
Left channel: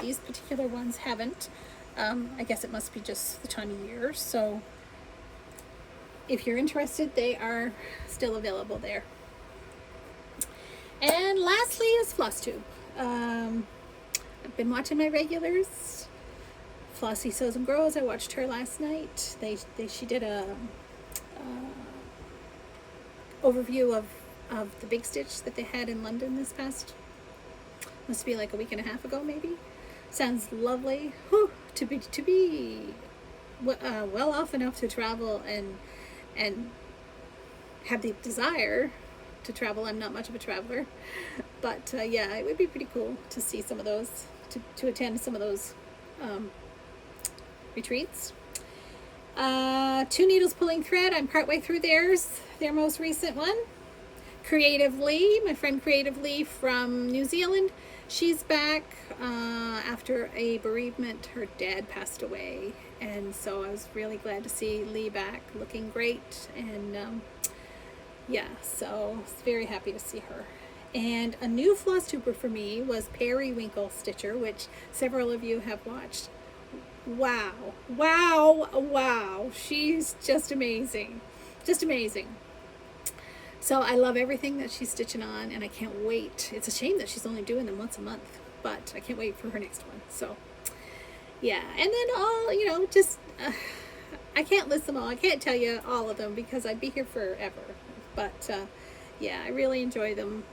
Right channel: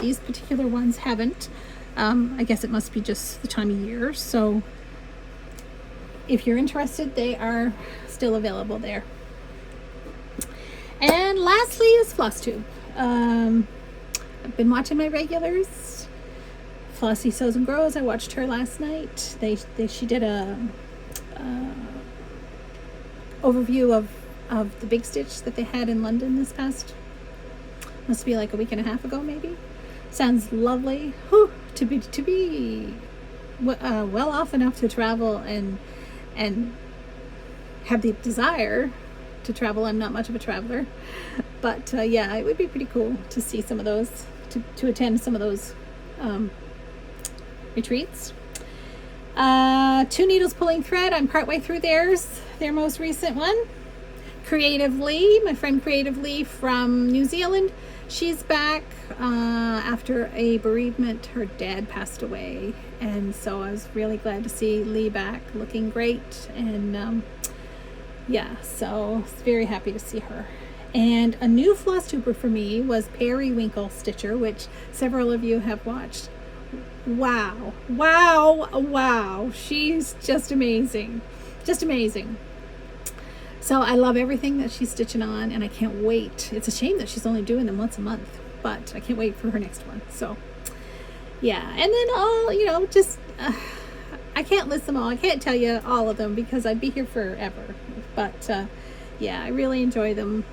these particular ones haven't. I guess it must be just the time of year. So if you're interested, they are still available there. And lastly is Flosstube. I've been watching my regulars. Flossy Sews and Grows. I watched her last night. She did a overview of the big stitch that they had in London this past, must be like a week and a half ago maybe. Sounds lovely. Whew, to be well off enough to travel and have the desire to travel. I'm not much of a traveler, but yeah, it would be pretty cool to see some of those, to attend some of those retreats. Two Needles Pulling Thread, I'm partway through their most recent one. Creatively, my friend Creatively from New Zealand, she's back after a bereavement. Her dad passed away, and so I was really glad to see Lee back looking great, and yeah, so I was very happy to see her. And a new Flosstuber for me was Periwinkle Stitcher, which several of you have watched. Wow, wow, wow, she's just amazing, just amazing. So I love everything that she's stitching on, and I can't wait. It's a shame that she's only doing them once a month, but I can't wait for her next one. So yeah, and then all, you know, just I can't list them all. I can't tell you all of them because I'd be here forever. But yeah, I really enjoy them.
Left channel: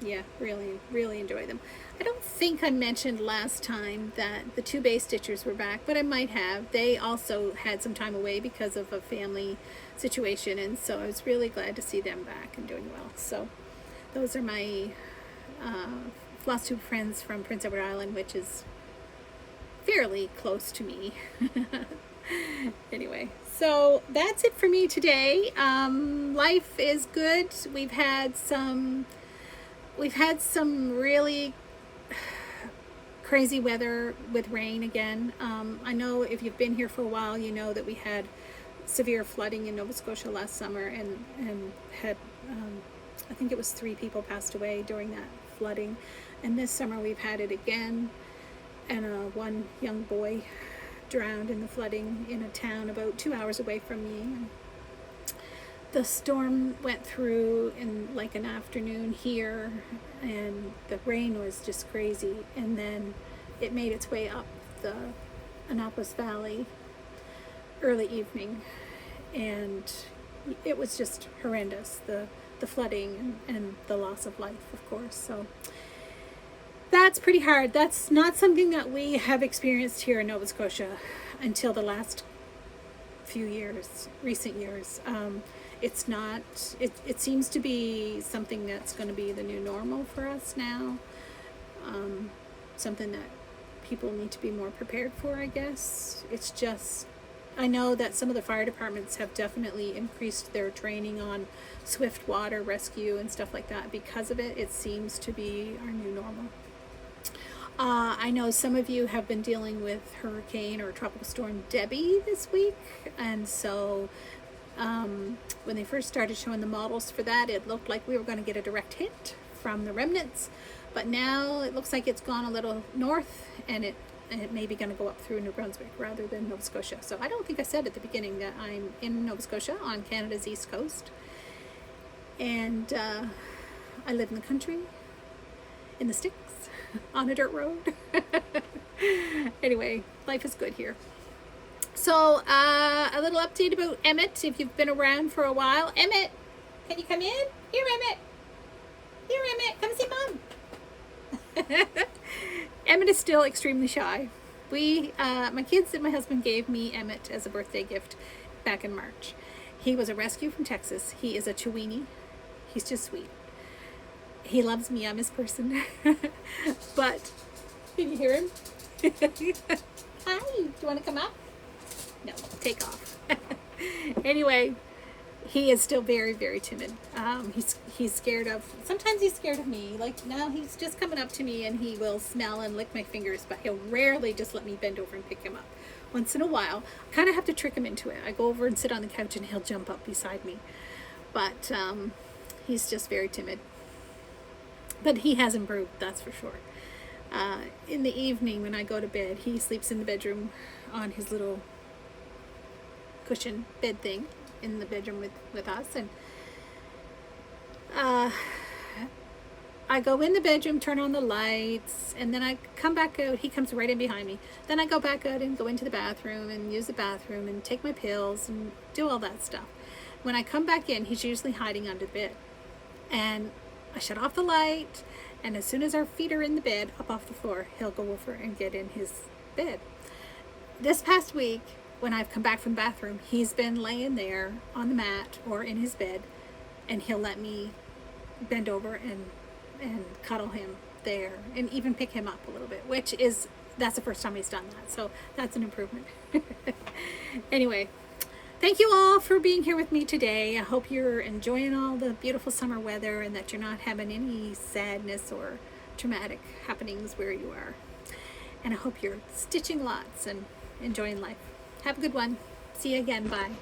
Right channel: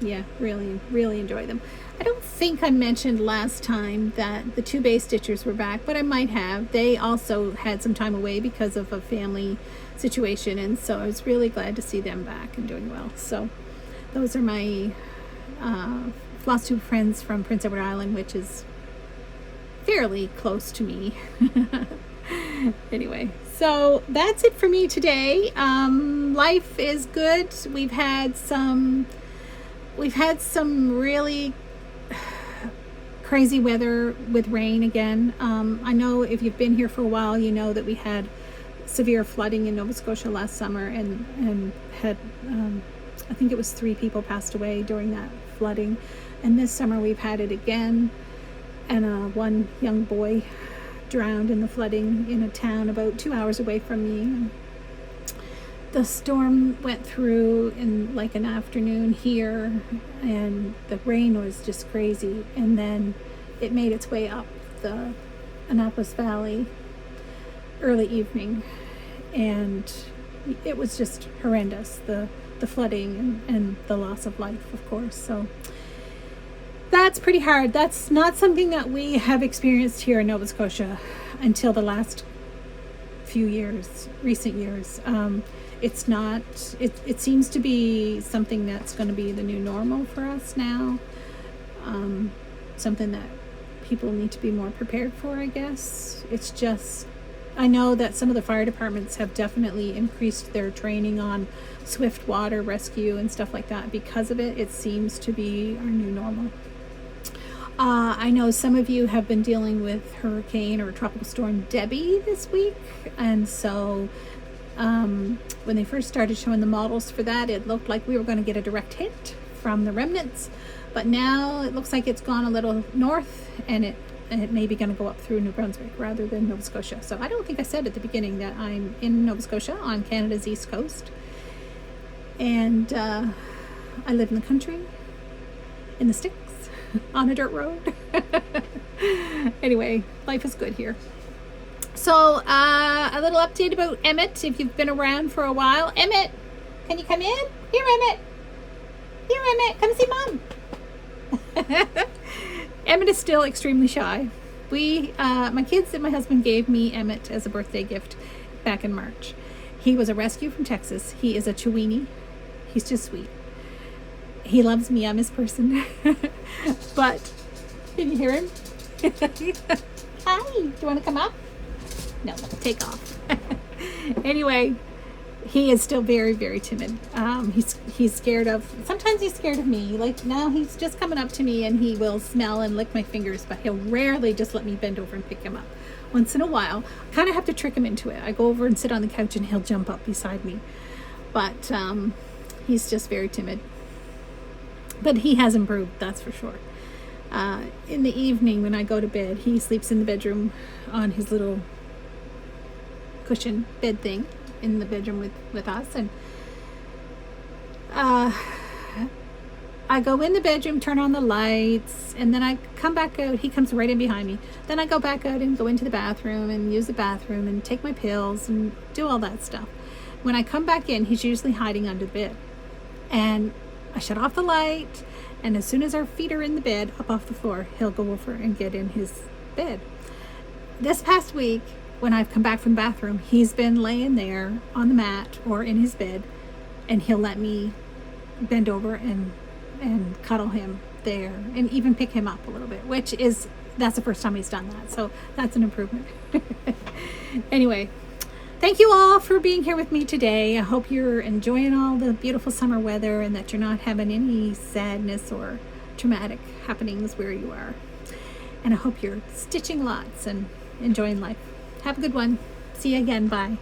Yeah, really enjoy them. I don't think I mentioned last time that the two base stitchers were back, but I might have. They also had some time away because of a family situation, and so I was really glad to see them back and doing well. So those are my Flosstube friends from Prince Edward Island, which is fairly close to me. Anyway, so that's it for me today. Life is good. We've had some really crazy weather with rain again. I know if you've been here for a while, you know that we had severe flooding in Nova Scotia last summer, and had I think it was 3 people passed away during that flooding. And this summer we've had it again, and one young boy drowned in the flooding in a town about 2 hours away from me. The storm went through in like an afternoon here, and the rain was just crazy, and then it made its way up the Annapolis Valley early evening, and it was just horrendous, the flooding and the loss of life, of course. So that's pretty hard. That's not something that we have experienced here in Nova Scotia until the last few years, recent years. It's not, it seems to be something that's going to be the new normal for us now. Something that people need to be more prepared for, I guess. It's just, I know that some of the fire departments have definitely increased their training on swift water rescue and stuff like that. Because of it, it seems to be our new normal. I know some of you have been dealing with Hurricane or Tropical Storm Debbie this week, and so when they first started showing the models for that, it looked like we were going to get a direct hit from the remnants, but now it looks like it's gone a little north, and it may be going to go up through New Brunswick rather than Nova Scotia. So I don't think I said at the beginning that I'm in Nova Scotia on Canada's east coast, and I live in the country, in the sticks, on a dirt road. Anyway, life is good here. So, a little update about Emmett, if you've been around for a while. Emmett, can you come in? Here, Emmett. Here, Emmett. Come see Mom. Emmett is still extremely shy. My kids and my husband gave me Emmett as a birthday gift back in March. He was a rescue from Texas. He is a Chiweenie. He's just sweet. He loves me. I'm his person. But, can you hear him? Hi, do you want to come up? No, take off. Anyway, he is still very, very timid. He's scared of, sometimes he's scared of me. Like now he's just coming up to me and he will smell and lick my fingers, but he'll rarely just let me bend over and pick him up. Once in a while, I kind of have to trick him into it. I go over and sit on the couch and he'll jump up beside me. But he's just very timid. But he has improved, that's for sure. In the evening when I go to bed, he sleeps in the bedroom on his little cushion bed thing in the bedroom with us, and I I go in the bedroom, turn on the lights, and then I come back out. He comes right in behind me. Then I go back out and go into the bathroom and use the bathroom and take my pills and do all that stuff. When I come back in, he's usually hiding under the bed. And I shut off the light, and as soon as our feet are in the bed, up off the floor, he'll go over and get in his bed. This past week, when I've come back from the bathroom, he's been laying there on the mat or in his bed, and he'll let me bend over and cuddle him there and even pick him up a little bit, that's the first time he's done that. So that's an improvement. Anyway, thank you all for being here with me today. I hope you're enjoying all the beautiful summer weather and that you're not having any sadness or traumatic happenings where you are. And I hope you're stitching lots and enjoying life. Have a good one. See you again. Bye.